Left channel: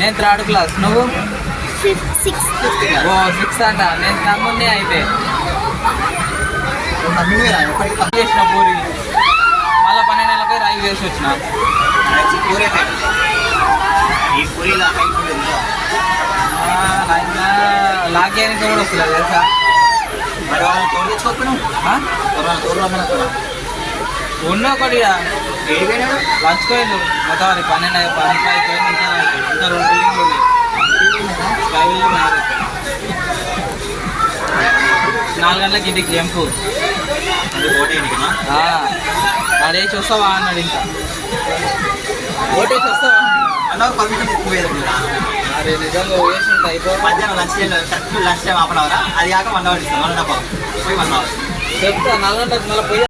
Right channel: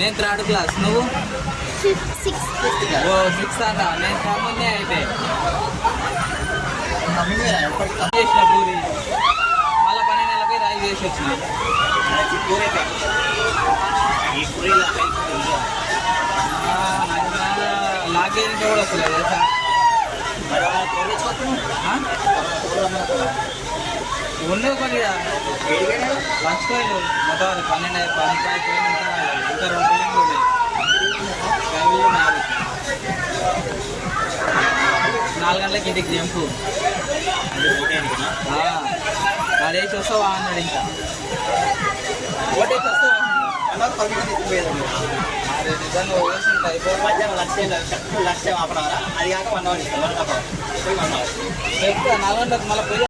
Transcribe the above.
నేను 3rd class. నువ్వు? 6th. ఓ 6th అంట. నేను తమ్ముడినే అయితే చేసిన పూరి మళ్ళీ 12 నెలలకి రైస్ చేసి వచ్చిన. లాగ్యానికి కూడా వస్తుంది తెలుసా? ఉన్న ఒకటి పంచుకోలేదు మొత్తం 12 15 పోయింది. ఇంకా 2 బిల్డింగ్లు ఉన్నాయి. స్కైవిల్లో 4 గంటలకి ఇంటికి జంపు. ఆడేసి వస్తావా అన్నాడు. ఇంకా ఓటేసి వస్తావా అదే నిజంగా వేసినట్టు అయిపోయి మధ్యాహ్నం lunch time half an hour, అది కాక 1 అవర్ ఇస్తాం. 1.5 hours పోయి 1 hour చెప్తా 4 గంటలకు మళ్ళీ పోయి